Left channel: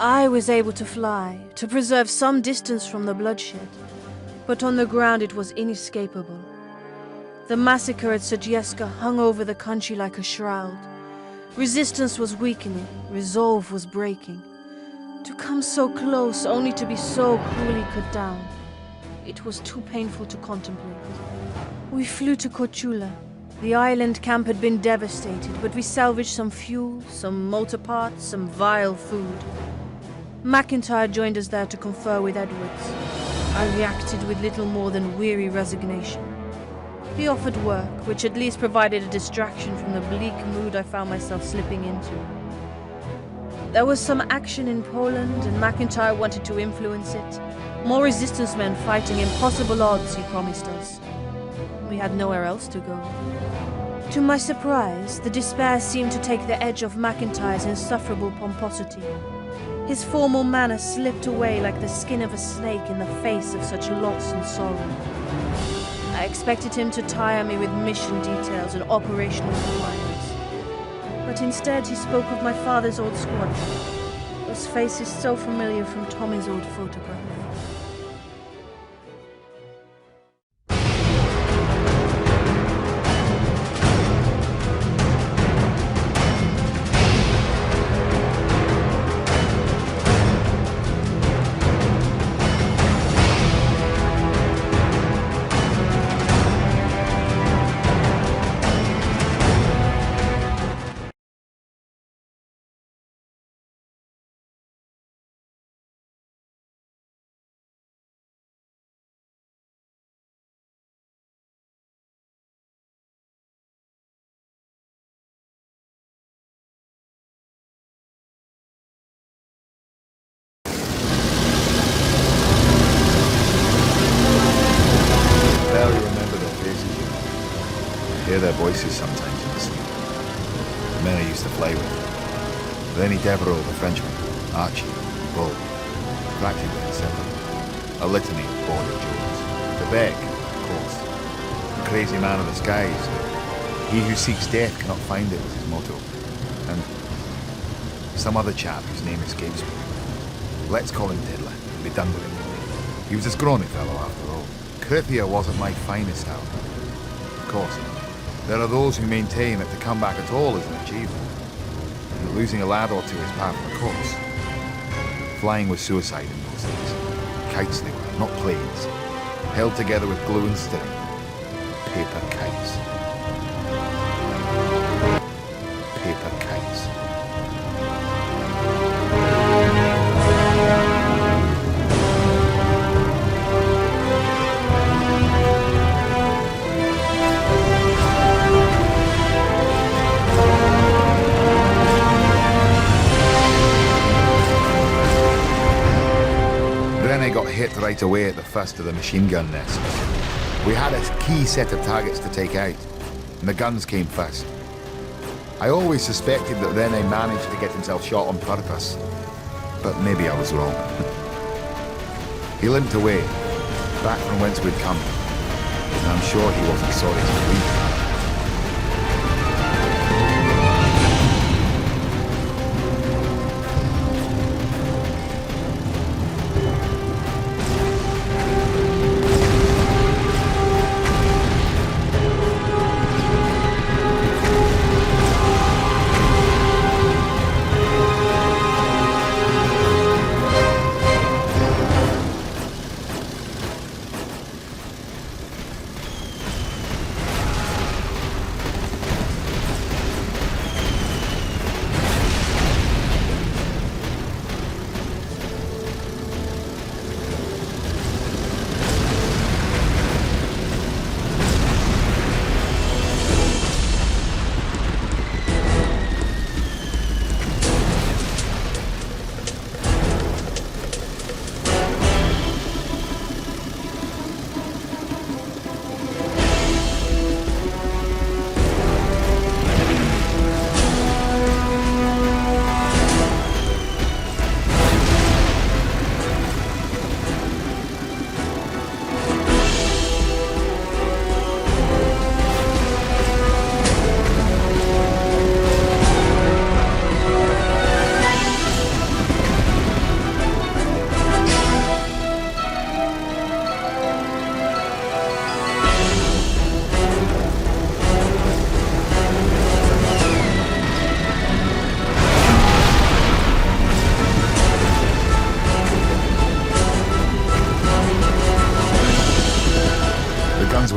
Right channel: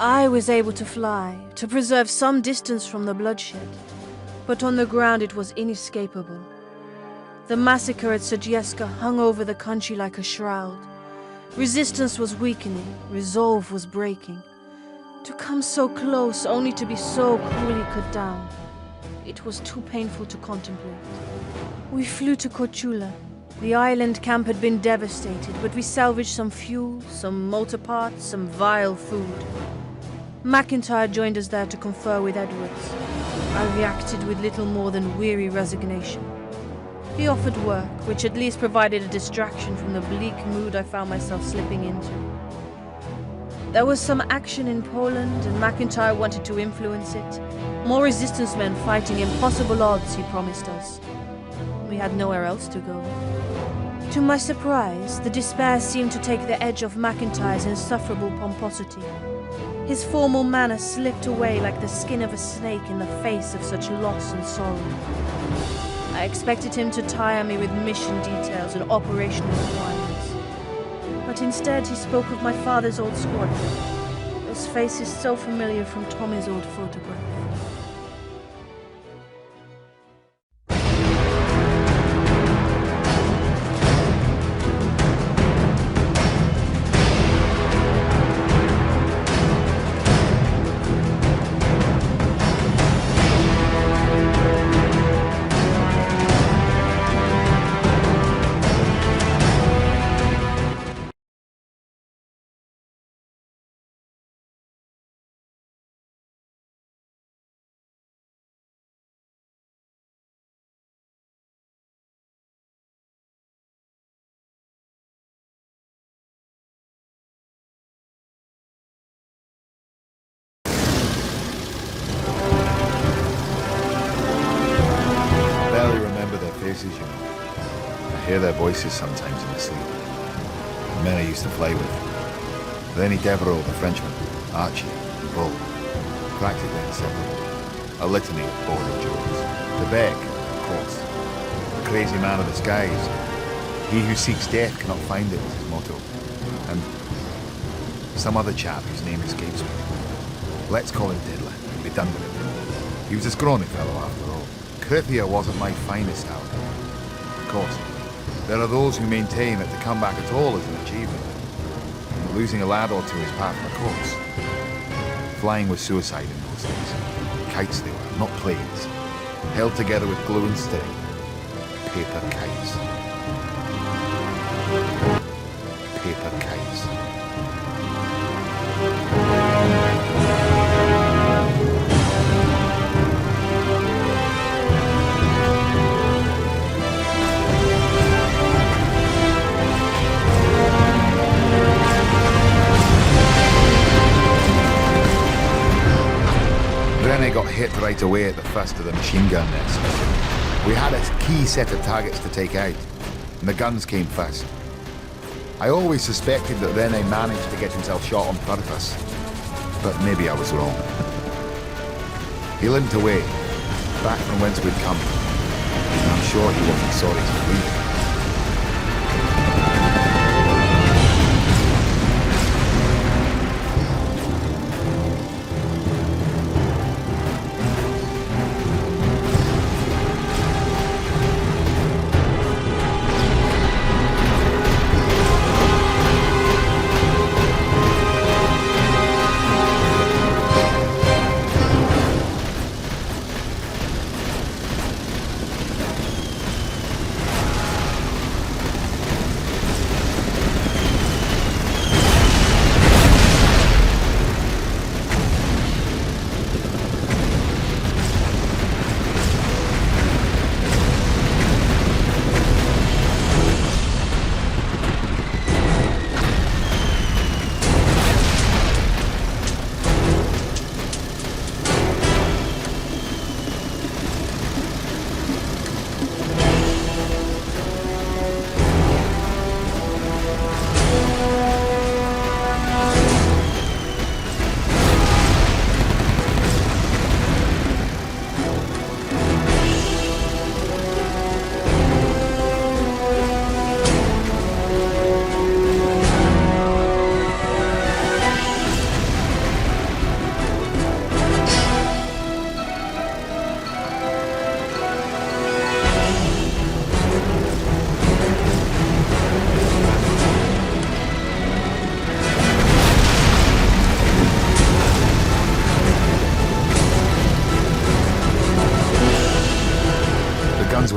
I was able to fly, to preserve some distance from the bloodshed, but on the ground it was inescapable. The massacre at Sadzieska hung over the country like a shroud. Resistance was weakening, resolve was breaking. To come so close only to be so cruelly cut down, it was too painful to contemplate. We flew to Korčula. The island camp had been devastated, but we salvaged some fuel, some motor parts, some vile food. McIntyre joined us there to confer with Edwards. I reacted with little more than weary resignation. He offered work, which at least provided a distraction from the bleak mood I found myself slipping into. There was some action in Poland, and McIntyre wanted to influence it. More resistance men fighting impossible odds, he promised us. We had nowhere else to go. To my surprise, the despair seemed to take the edge off McIntyre's insufferable pomposity. His formal manner slipped away like the skin of a snake in the face of such loss and sorrow. I expected him to tire me with mission details and operational requirements. But instead he spoke of my father's old squadron, those faces so familiar from Tommy's old photograph. I barely remember their faces, you know. I hear their voices sometimes in my sleep. The men I used to play with. Lenny Devereaux, the Frenchman, Archie, Bull, practically inseparable. A litany of border jokes. The Beck, of course. The crazy man of the skies. He who seeks death cannot find it was his motto. And some other chap whose name escapes me. Let's call him Diddler and be done with it. He was a scrawny fellow after all. Krithia wasn't my finest hour. Of course, there are those who maintain that to come back at all is an achievement, and that losing a lad or two is par for the course. Flying was suicide in those days. Kites they were, not planes. Held together with glue and string. Paper kites. Paper kites. Rene got hit right away at the first of the machine gun nests. We had a key set of targets to take out, and the guns came first. I always suspected that Rene managed to get himself shot on purpose, but maybe I was wrong. He limped away, back from whence we'd come, and I'm sure he wasn't sorry to leave.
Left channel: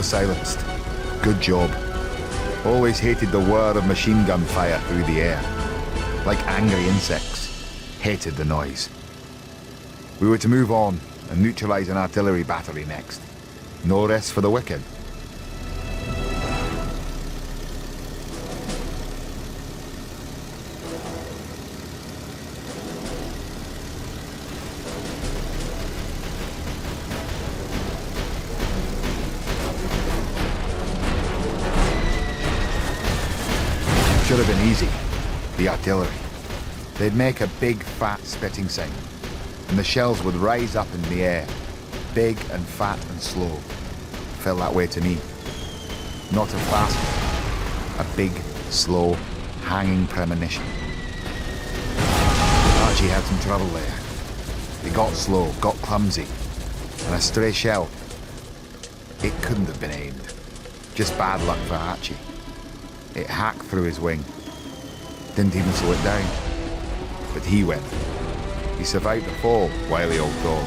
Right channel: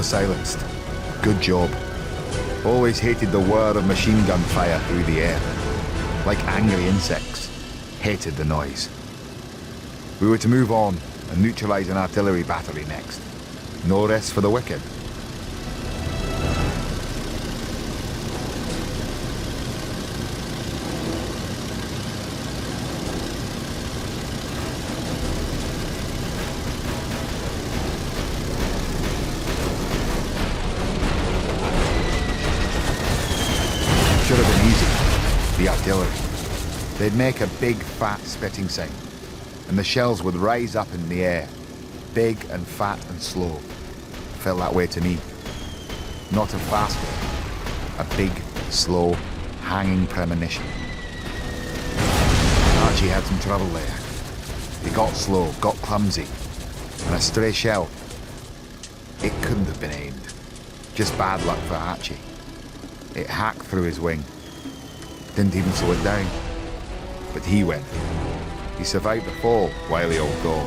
were silenced. Good job. Always hated the whir of machine gun fire through the air. Like angry insects. Hated the noise. We were to move on and neutralize an artillery battery next. No rest for the wicked. Should have been easy. The artillery. They'd make a big, fat spitting sound, and the shells would rise up in the air, big and fat and slow. Felt that way to me. Not a fast one. A big, slow, hanging premonition. Archie had some trouble there. He got slow, got clumsy, and a stray shell. It couldn't have been aimed. Just bad luck for Archie. It hacked through his wing. Didn't even slow it down. But he went. He survived the fall, wily old dog.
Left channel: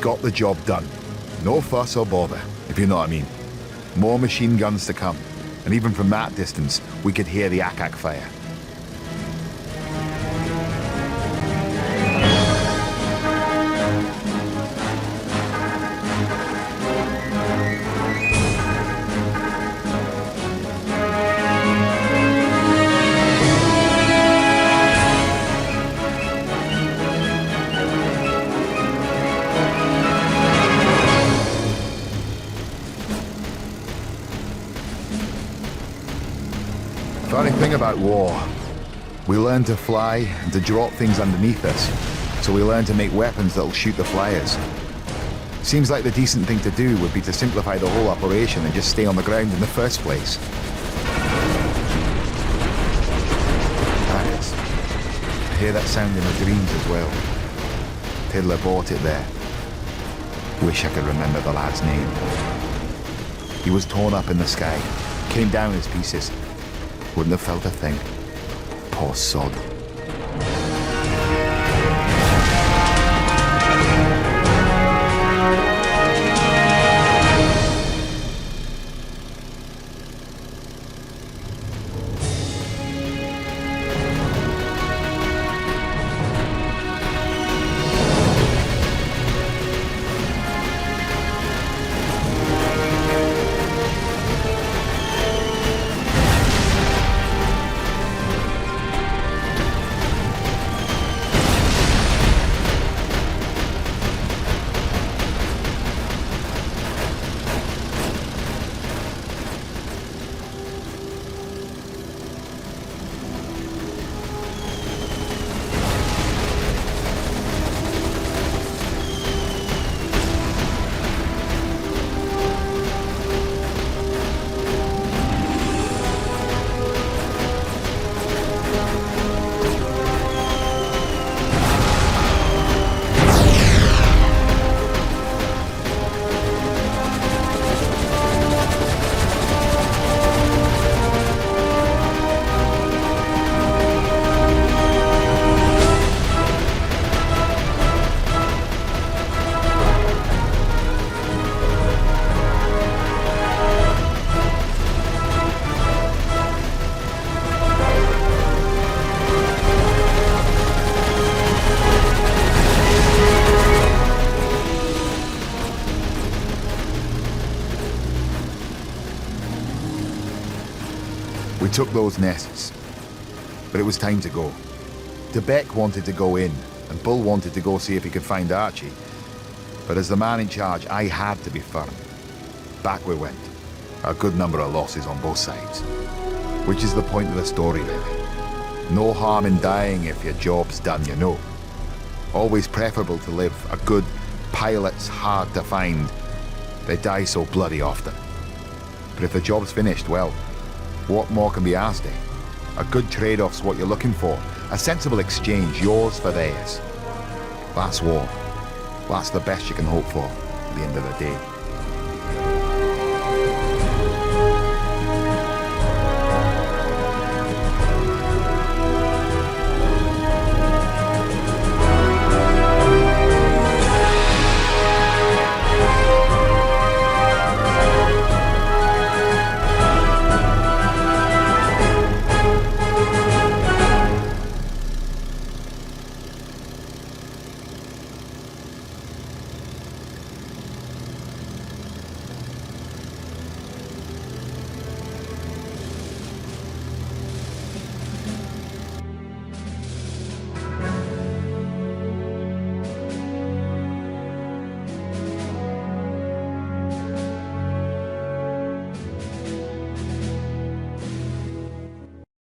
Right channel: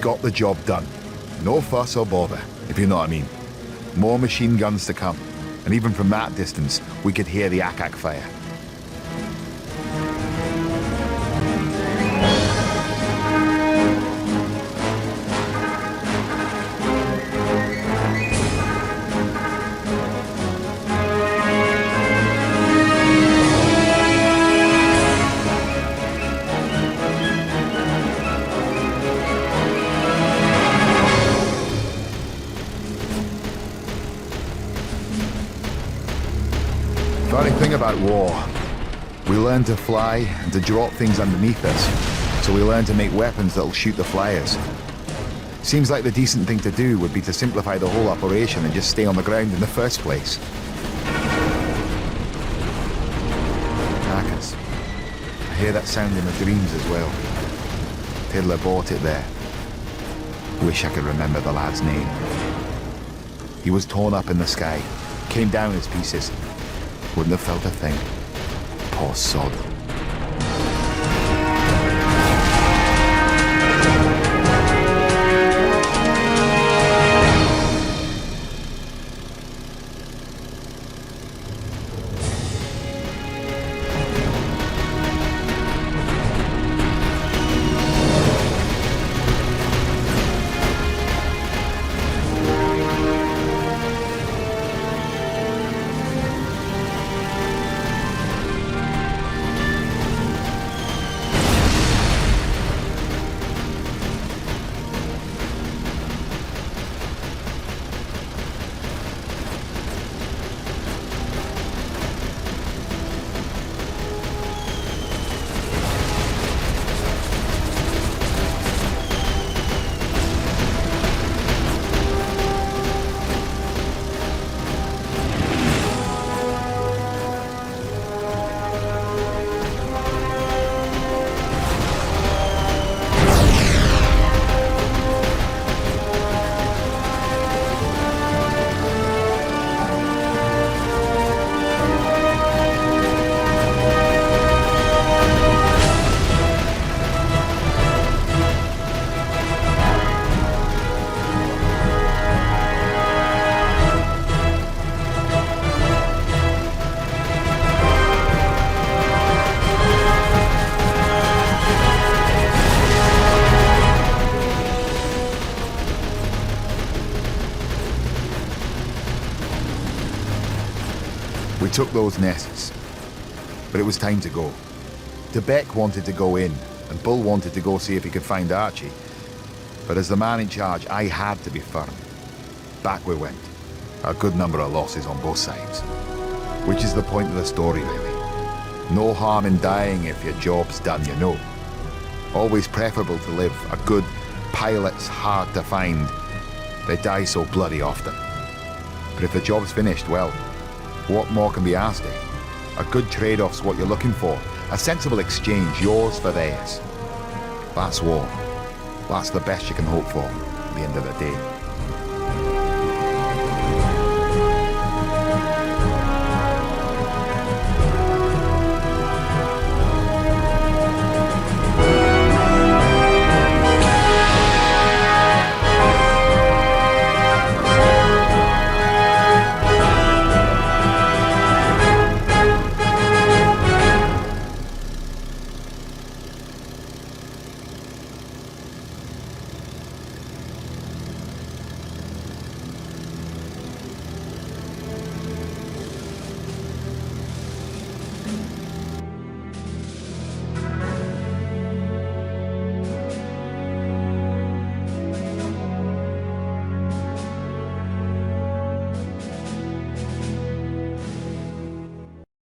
Got the job done. No fuss or bother, if you know what I mean. More machine guns to come, and even from that distance, we could hear the ack-ack fire. Funny thing about war, we learn to fly and to drop things underneath us, so we learn to make weapons that'll shoot the flyers. Seems like the decent thing to do would be to simplify the whole operation and just stay on the ground in the first place. Hackers. I hear that sound in my dreams as well. Tiddler bought it there. Wish I could remember the lad's name. He was torn up in the sky, came down as pieces. Wouldn't have felt a thing. tall sod. We took those nests, but it was time to go. Debec wanted to go in, and Bull wanted to go see if he could find Archie. But as the man in charge, I had to be firm. Back we went. A good number of losses on both sides. Which is the point of the story, really. No harm in dying if your job's done, you know. Always preferable to live. A good pilot's hard to find. They die so bloody often. But if the job's finished, well, what more can be asked, eh? A good trade-off's what you're looking for. A sensible exchange, yours for theirs. That's war. That's the best you can hope for at the end of the day.